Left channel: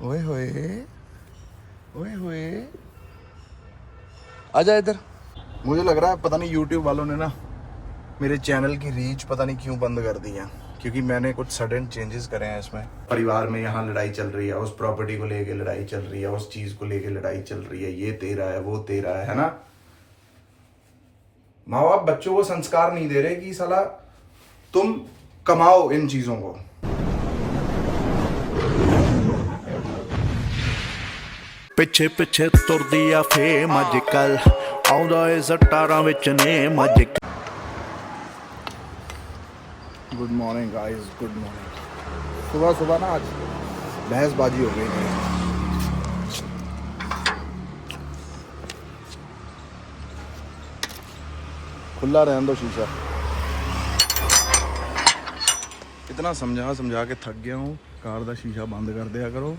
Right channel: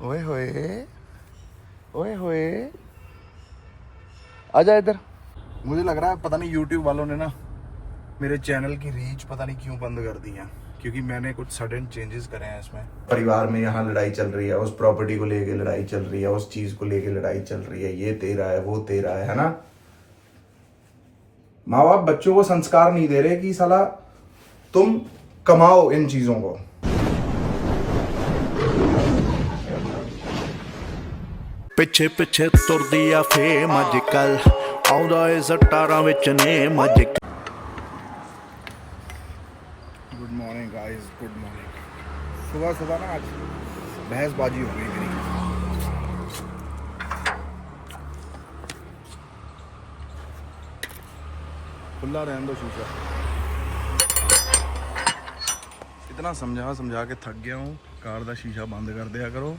ओए होए, ओए होए, आजा इधर। मुझे लग रहा है पता नहीं YouTube वालों ने ना मेरे चैनल की रीच पता नहीं क्यों बंद कर दी है, क्योंकि मैंने कुछ सडन चेंजेस करे हैं इसमें। परिवार में यहाँ लड़ाई चल रही है, उस प्रॉपर्टी को लेके लड़ाई चल रही है, उस चीज को लेके लड़ाई चल रही है, ये तेरा है वो तेरा है ना। माँ बाप बच्चों को संस्कार नहीं दे रहे कि साला तुम कमाओ इन चीजों को। ਪਿੱਛੇ ਪਿੱਛੇ ਤੁਰਦੀ ਆ ਫੇਮ ਅੱਜ ਕੱਲ ਆਉਂਦਾ ਏ ਸਟਾਰਾਂ ਵਿੱਚ ਨੇਮ ਅੱਜ। Good morning guys, good morning. सुबह सुबह ना आज बहसबाजी हो गई मेरी। खुला रहने दो शीशा। इतना समझा समझा के थक गया हूँ। कार का शीशा बंद कर दिया करो।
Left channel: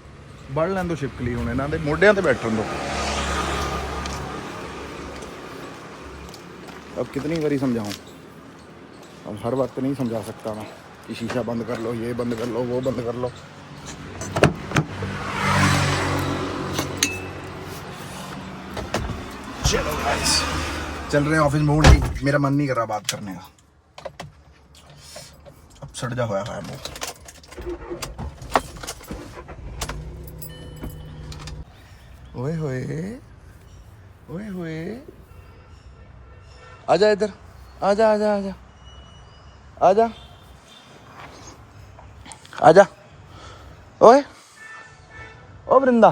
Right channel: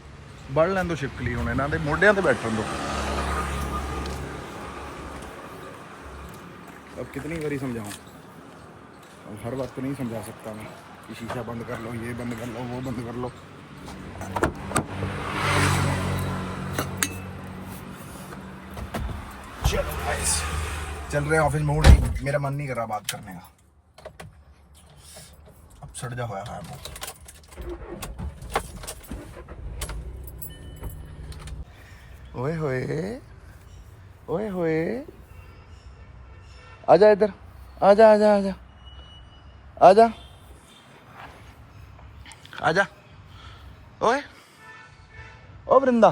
बढ़ लैन दो छिपकली, हूँ इन्हों के मोढियां ते बैठन दो। अब कितनी बारी समझाऊँ, अब हर वक्त नहीं समझा सकता मैं कि शीशा बंद कर लो, ये बंद कर लो, वो बंद कर लो। चलो गाइस, चल रहे हैं ऑफिस। मूड नहीं, मेरा मन नहीं कर रहा बात करने का। अब सड़ जा होया है मुंह। ओए होए, ओए होए, आजा इधर, आजा आजा आजा आजा आजा। ओए ओ वृंदा,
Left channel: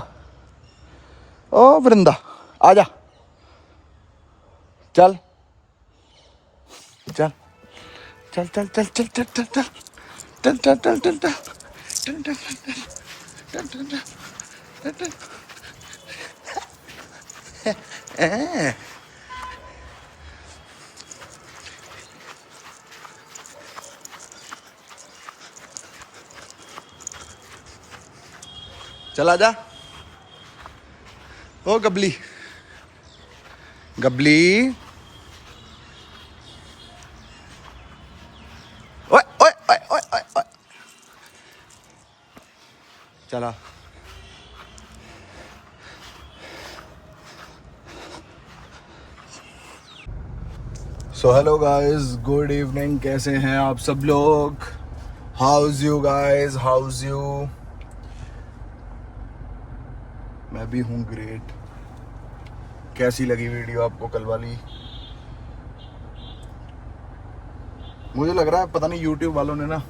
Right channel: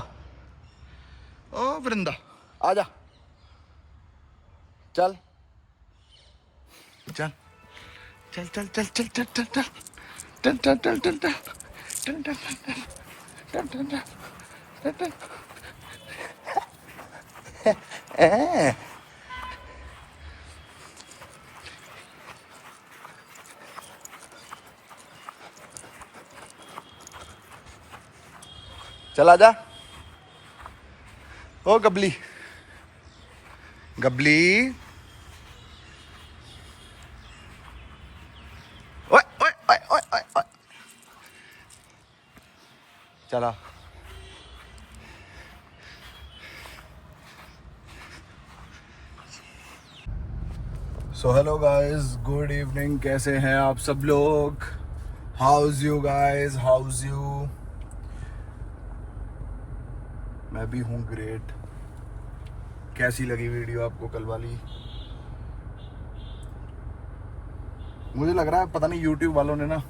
ओ वृंदा, आजा। चल चल चल चल चल चल चल चल चल चल चल चल चल चल चल चल चल। चल आजा। ओ गबली, गबली, ओए ओए ओए ओए ओए ओए, चला। So hello guys, good evening. कैसे हैं आप सब लोग? House you guys, house you? मैं भी हूँ ग्रेट। कैसी लगी वीडियो आपको कल वाली? मुझे लग रहा है पता नहीं YouTube वालों ने ना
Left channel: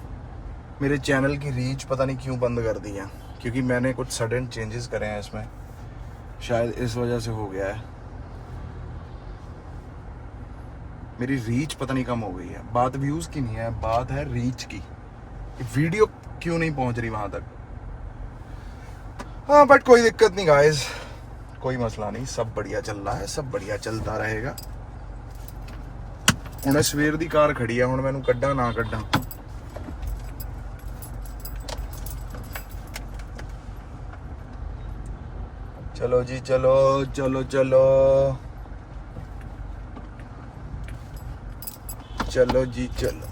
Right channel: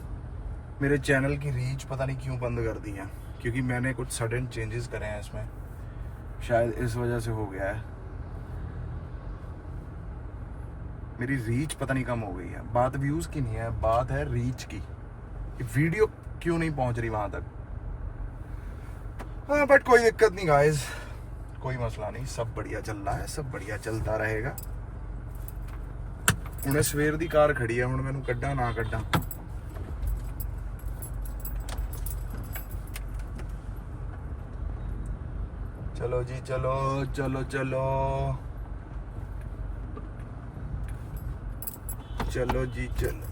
मेरे चैनल की रीच पता नहीं क्यों बंद कर दी है, क्योंकि मैंने कुछ सडन चेंजेस करे हैं इसमें। शायद इस वजह से हो गया है। मेरी रीच पता नहीं कम हो गई है। बात व्यूज की नहीं है, बात है रीच की। वीडियो क्यों नहीं पहुंच रही वहां तक। हाँ बट कोई दिक्कत नहीं गाइस, कोई मसला नहीं, सब बढ़िया चल रहा है, सब बढ़िया चलता रहेगा। हुणे सवेर दी कार खड़ी है, हुण मैनू कड्डा ना कड्डा। चलो जी चलो चलो चलो चलो जी चलो।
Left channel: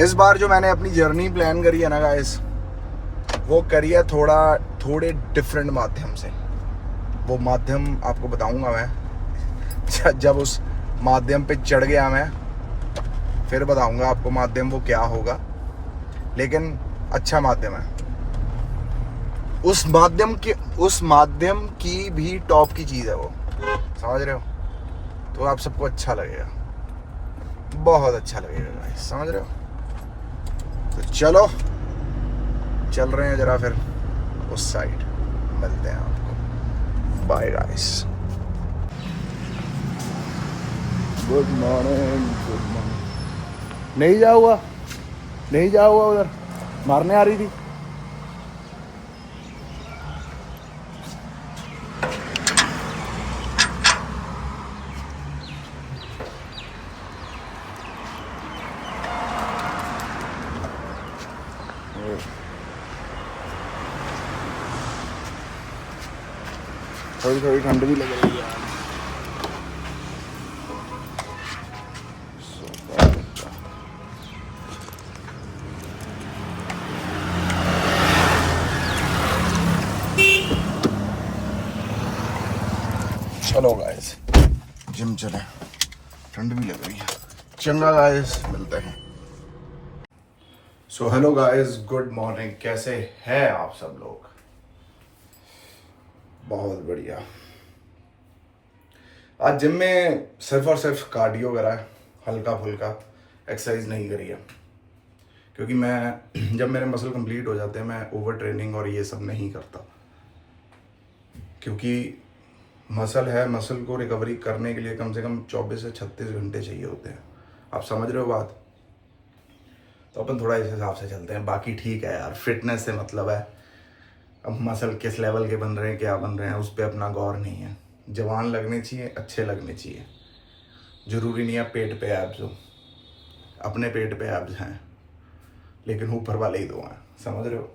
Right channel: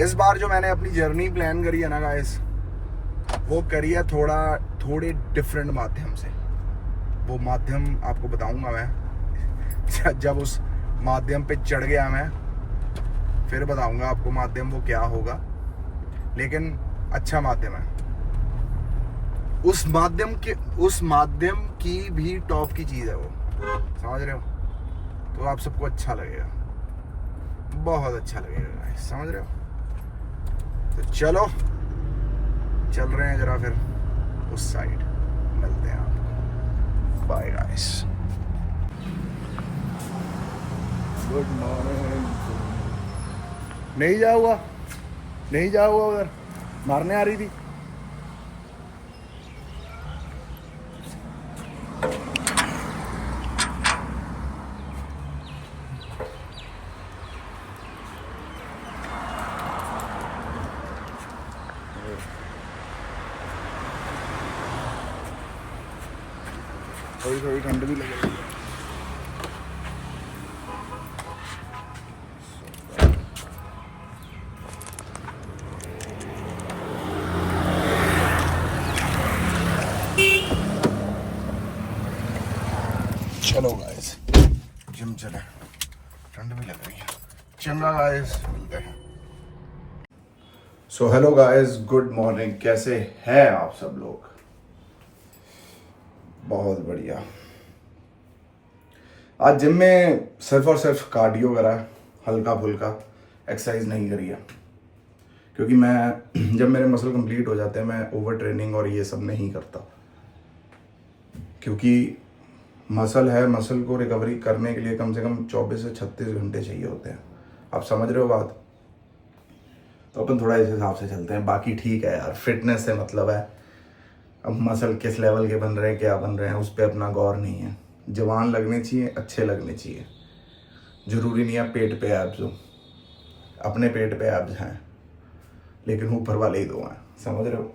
इस बार जो मैंने अपनी जर्नी प्लान करी है ना गाइस, वो करी है थोड़े डिफरेंट माध्यम से। वो माध्यम आपको बताऊंगा मैं जब उस माध्यम पे चढ़ गया मैं, फिर बताऊंगा आपको माध्यम वो क्या होगा। लेकिन अच्छा माध्यम है। उस माध्यम की भी टॉप की चीज़ है वो, समझ रहे हो? तो आप सबको अच्छा लगेगा, बहुत अच्छा लगेगा गाइस, समझ रहे हो? तो चलो चल रहे हैं जरा फिर उस साइड, मिलते हैं आपको। Bye guys, good morning, good morning. नहीं जा हुआ, नहीं जा हुआ, उधर मारने आ रही थी। थोड़ी थोड़ी ठंड भी लग रही है। चलो गाइस जिम चले, ठंड भी लग रही है। चंगा गाइस, मिलते हैं। So hello guys, good morning. कैसे हैं आप सब लोग? बहुत बढ़िया। आज जिम में सिर्फ और सिर्फ कार्डियो करा है, हल्का फुल्का एक्सरसाइज नहीं करी है, क्योंकि मैं जब मेरे मसल कंप्लीट हो जाते हैं मैं ओवर ट्रेनिंग और ये सब नहीं करता, क्योंकि मसल है, मसल को रिकवरी करने के लिए कम से कम 24 से 36 घंटे चाहिए होते हैं। आप समझ रहे हो बात? तो अपन थोड़ा इस हिसाब से चलते हैं। बाकी ठीक है यार, फिटनेस से मतलब है। अब मसल किस लेवल के बन रहे हैं, क्या बन रहे हैं, उस पर अपना गौर नहीं है। जवान लगने चाहिए, अच्छे लगने चाहिए। जरूरी नहीं है पेट पे एब्स हो, अपने पेट पे एब्स हैं लेकिन ऊपर वाले ही दो हैं, समझ रहे हो?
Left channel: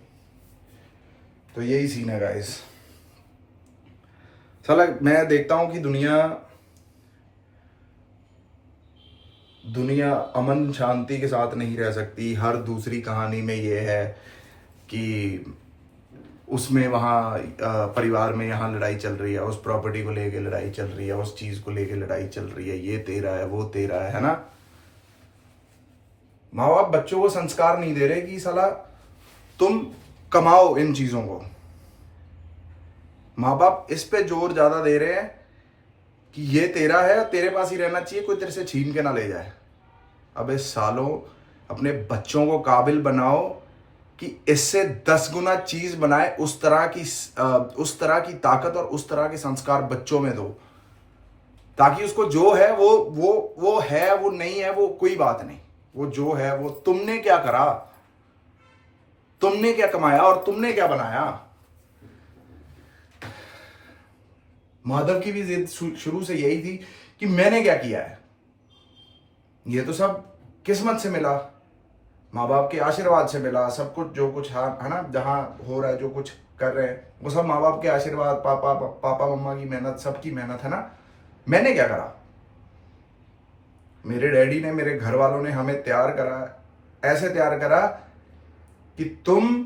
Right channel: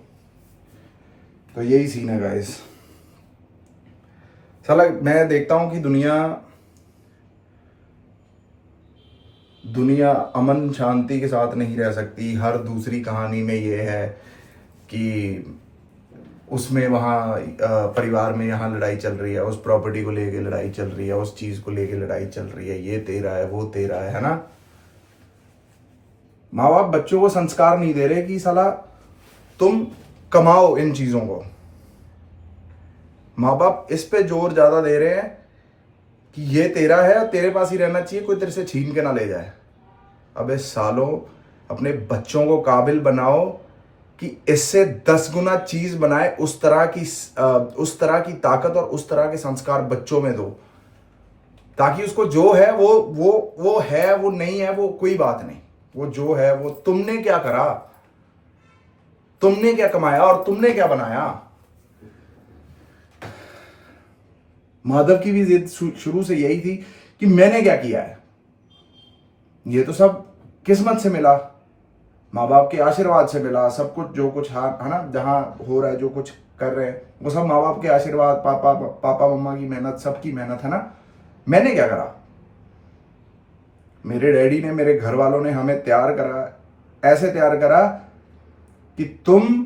तो यही सीन है गाइस। साला मैं देखता हूँ कि दुनिया अमन शांति के साथ नहीं रह सकती। हर दूसरी कहानी में ये है कि उसमें वहाँ परिवार में यहाँ लड़ाई चल रही है, उस प्रॉपर्टी को लेके लड़ाई चल रही है, उस चीज़ को लेके लड़ाई चल रही है, ये तेरा है, वो तेरा है ना? माँ बाप बच्चों को संस्कार नहीं दे रहे कि साला तुम कमाओ इन चीज़ों को। माँ बाप इस पे जोर ज़्यादा दे रहे हैं कि ये तेरा है, तेरे पास ही रहना चाहिए, कोई तेरे से छीन के ना ले जाए। अबे सालों, अपने बच्चों को काबिल बनाओ कि इससे 10 गुना चीज बनाए, उस तरह की ताकत और उस तरह के संस्कार बच्चों में दो, ताकि उसको जो है वो है, वो नहीं है वो कोई बात नहीं। वो जो है वो तुमने क्या करा, तुमने क्या कमाया और तुमने क्या बनाया। माधव की भी जिद शुरू से यही थी कि मैंने क्या किया है। ये तो सब किस्मत से मिला, माँ बाप के आशीर्वाद से मिला। सब कुछ जो कुछ है ना, जहां हो रहा है, जो कुछ कर रहे हैं, वो सब माँ बाप के आशीर्वाद, पापा मम्मा की मेहनत, सबकी मेहनत है ना। मैंने क्या करा? मेरे डैडी ने, मेरे घर वालों ने हमें तैयार करा, ऐसे तैयार करा कि तुम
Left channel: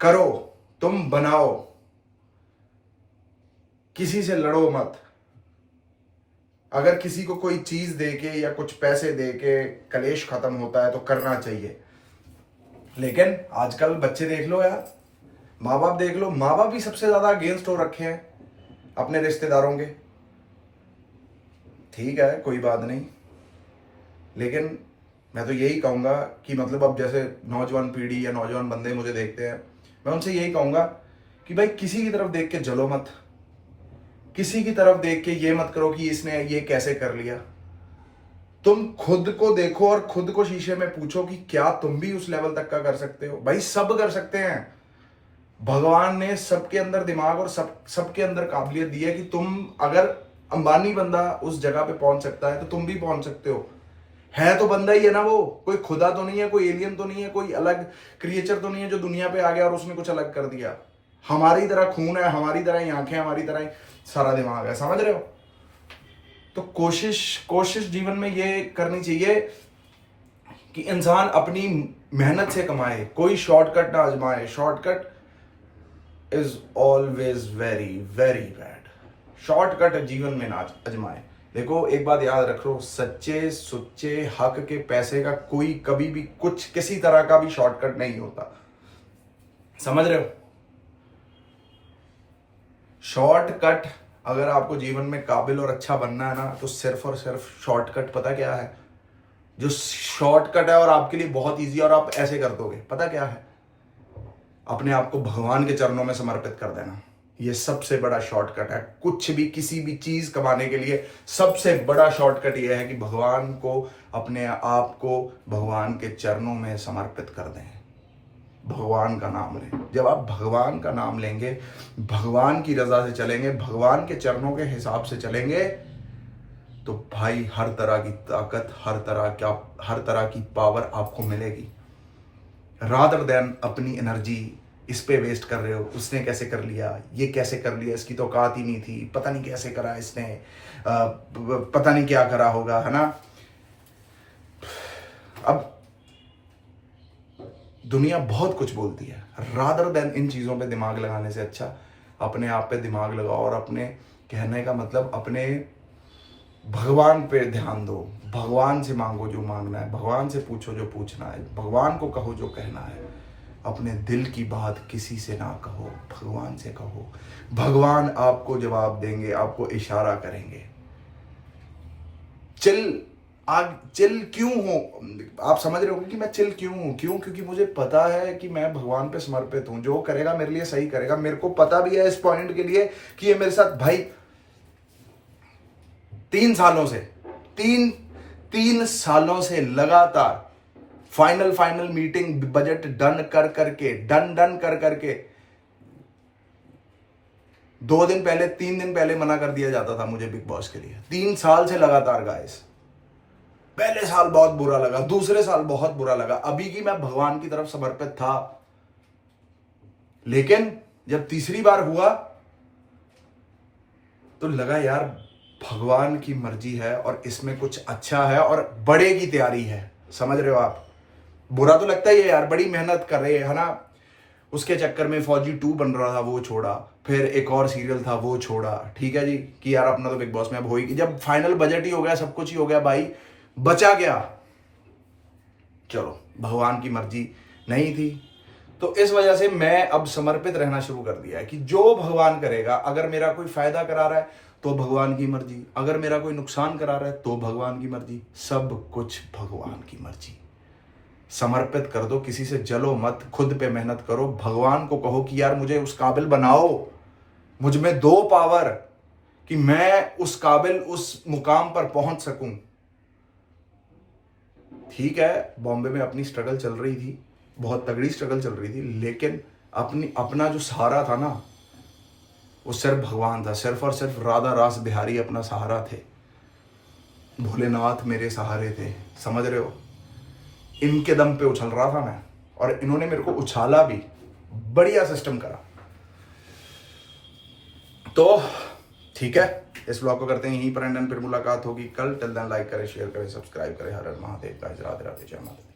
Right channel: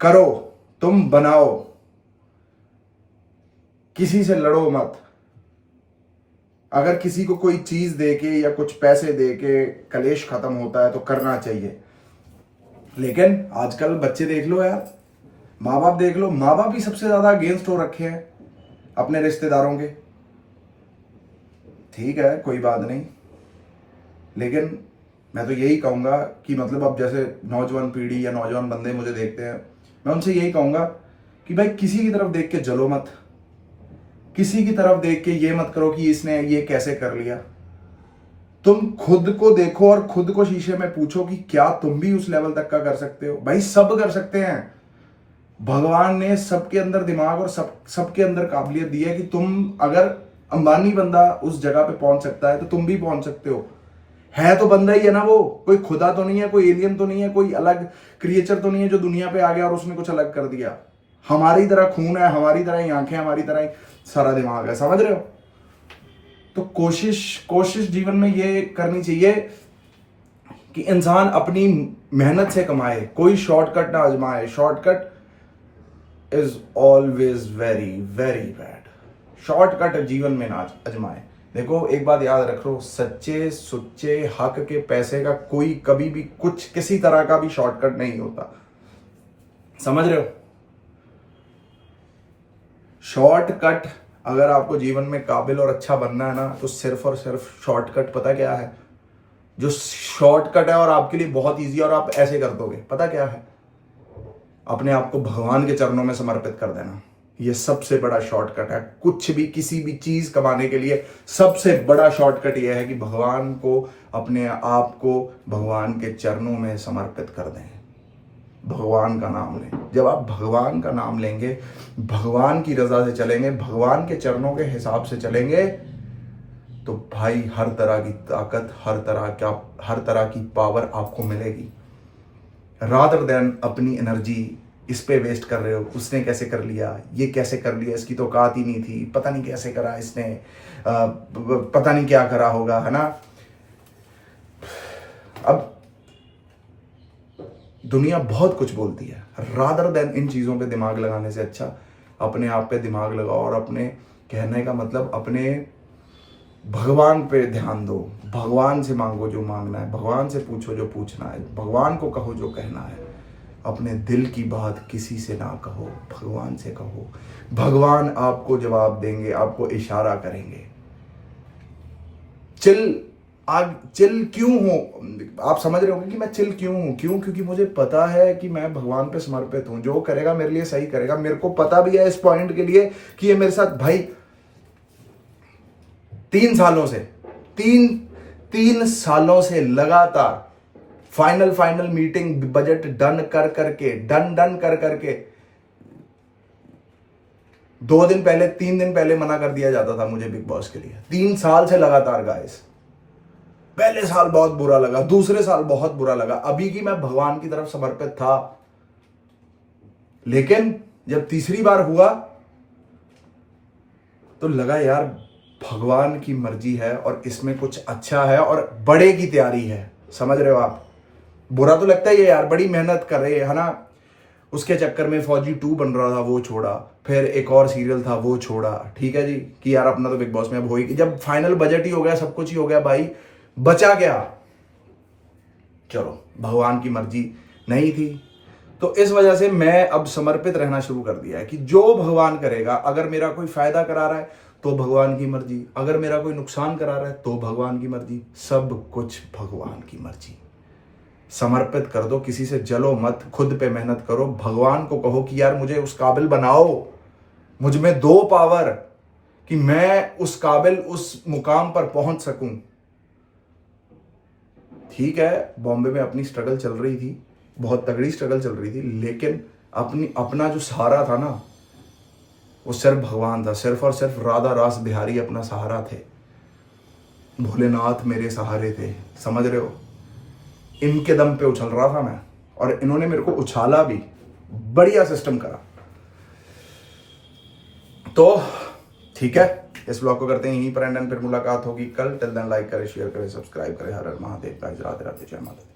करो, तुम बनाओ, किसी से लड़ो मत। अगर किसी को कोई चीज देके या कुछ पैसे देके कलेश खत्म होता है तो करना चाहिए। लेकिन आजकल बच्चे देख लो यार, माँ बाप देख लो, माँ बाप भी सबसे ज्यादा अगेंस्ट हो रखे हैं अपने रिश्तेदारों के। ठीक है, कोई बात नहीं, लेकिन मैं तो यही कहूंगा कि मतलब अब जैसे नौजवान पीढ़ी या नौजवान बंदे मुझे देखते हैं, मैं उनसे यही कहूंगा कि भाई किसी की तरफ देख के जलो मत, किसी की तरफ देख के ये मत करो कि इसने ये कैसे कर लिया। तुम खुद को देखो और खुद को शीशे में पूछो कि क्या तुम भी उस लेवल तक का कर सकते हो। भाई सब कर सकते हैं, भगवान ने सबके अंदर दिमाग और सबके अंदर काबिलियत दी है कि तुम, अगर अंबानी बंदा उस जगह पे पहुंच सकता है तो तुम भी पहुंच सकते हो। है तो बंदा ही है ना, वो कोई खुदा तो नहीं है, कोई एलियन तो नहीं है, कोई अलग क्रिएचर तो नहीं है जो दुनिया पे आ गया और उसने कुछ अलग कर दिया। हमारी तरह खून है, हमारी तरह ही आंखें, हमारी तरह ही सारा दिमाग है, समझ रहे हो? तो कोशिश जीवन में ये करनी चाहिए कि इंसान अपनी मेहनत से कमाए, कोई शॉर्टकट ना आजमाए। Shortcut is always very very bad. Shortcut जीवन में ना आजमाए। देखो एक बात याद रखो, सच्चे सुच्चे हक के पैसे का कोई कभी भी कुछ किसी तरह का भी शॉर्टकट नहीं होता, समझ रहे हो? शॉर्टकट, अगर आपको जीवन में काबिल और अच्छा बनना है ना, तो सिर्फ और सिर्फ शॉर्टकट पता क्या है? जो शॉर्टकट है और आपके लिए बहुत इजी और आप ऐसे कर दोगे, पता क्या है? अपने आप को भगवान के चरणों में समर्पित कर देना। ये सबसे बड़ा शॉर्टकट है। कुछ भी, किसी भी चीज कमाने के लिए सबसे बड़ा शॉर्टकट यह है कि भगवान को, अपने आप को भगवान के चरणों में समर्पित कर दें, भगवान का नाम लें। जब आप भगवान का नाम लेंगे, भगवान की रजा से चलेंगे, भगवान के चरणों के हिसाब से चलेंगे, तो भाई हर तरह की ताकत, हर तरह की पावर आपको मिलेगी। रादर देन अपनी एनर्जी इस पे वेस्ट कर रहे हो, उसने कैसे कर लिया, ये कैसे कर लिया, इसकी तो औकात ही नहीं थी, पता नहीं कैसे करा इसने, पता नहीं क्या करा होगा, है ना? अब दुनिया बहुत कुछ बोलती है, रादर देन इन चीज़ों पे दिमाग लगाने से अच्छा अपने आप पे दिमाग लगाओ और अपने कहने का मतलब अपने भगवान पे ध्यान दो, भगवान से मांगो जो मांगना है, भगवान से पूछो जो पूछना है, भगवान को कहो जो कहना है। अपने दिल की बात किसी से ना कहो, भगवान से कहो। भगवान आपको जवाब देंगे, आपको इशारा करेंगे। चिल क्यों हो, आप समझ रहे होंगे कि मैं चिल क्यों हूं? क्योंकि मुझे पता है कि मैं भगवान पे समर्पित हूं। जो करेगा मेरे लिए सही करेगा। मेरे को पता भी है इस पॉइंट के लिए कि ये मेरे साथ भाई 3 सालों से लगातार फाइनल मीटिंग, बजट डन कर करके 2 दिन पहले 3 दिन पहले मना कर दिया जाता था मुझे बिग बॉस के लिए। 3 साल से लगातार गाइस। पहले साल बहुत बुरा लगा, दूसरे साल बहुत बुरा लगा, अभी की मैं भगवान की तरफ समर्पित था। लेकिन जब तीसरी बार हुआ तो लगा यार भगवान की मर्जी है और इसमें कुछ अच्छा है और बड़े की तैयारी है। समझ रहे हो आप? बुरा तो लगता ही है यार, बड़ी मेहनत कर रहे है ना। उसके चक्कर में फौजी 2 बन रहा था, वो छोड़ा। फिर एक और सीरियल था, वो छोड़ा। ठीक है जी, कि यार अपना तो बिग बॉस में अब हो ही, जब फाइनल बजट ही हो गया, सब कुछ ही हो गया भाई, बचा क्या? चलो, भगवान की मर्जी नहीं थी। तो इस वजह से मैं अब समर्पित रहना शुरू कर दिया है कि जो भगवान करेगा, अगर मेरा कोई फायदा करा रहा है तो भगवान की मर्जी, अगर मेरा कोई नुकसान करा रहा है तो भगवान की मर्जी, सब कुछ भगवान की मर्जी। समर्पित कर दो, किसी से जलो मत, खुद पे मेहनत करो, भगवान को कहो कि यार मुझे उस काबिल बनाओ, मुझ में दो पावर कि मैं उस काबिल, उस मुकाम पर पहुंच सकूं। ठीक है, बॉम्बे में अपनी स्ट्रगल चल रही थी, बहुत तगड़ी स्ट्रगल चल रही थी, लेकिन अपना जो सहारा था ना, वो सिर्फ भगवान था। सिर्फ और सिर्फ राधा रास बिहारी अपना सहारा थे, भोलेनाथ मेरे सहारे थे। समझ रहे हो? इनके दम पे उछल रहा था मैं, और इन्होंने मेरे को उछाला भी, बढ़िया सिस्टम करा। तो ठीक है, इस व्लॉग को करते हैं यहीं पर एंड, फिर मुलाकात होगी कल। टिल देन लाइक करें, शेयर करें, सब्सक्राइब करें। हर हर महादेव, गाइस, राधे राधे, जय माता दी।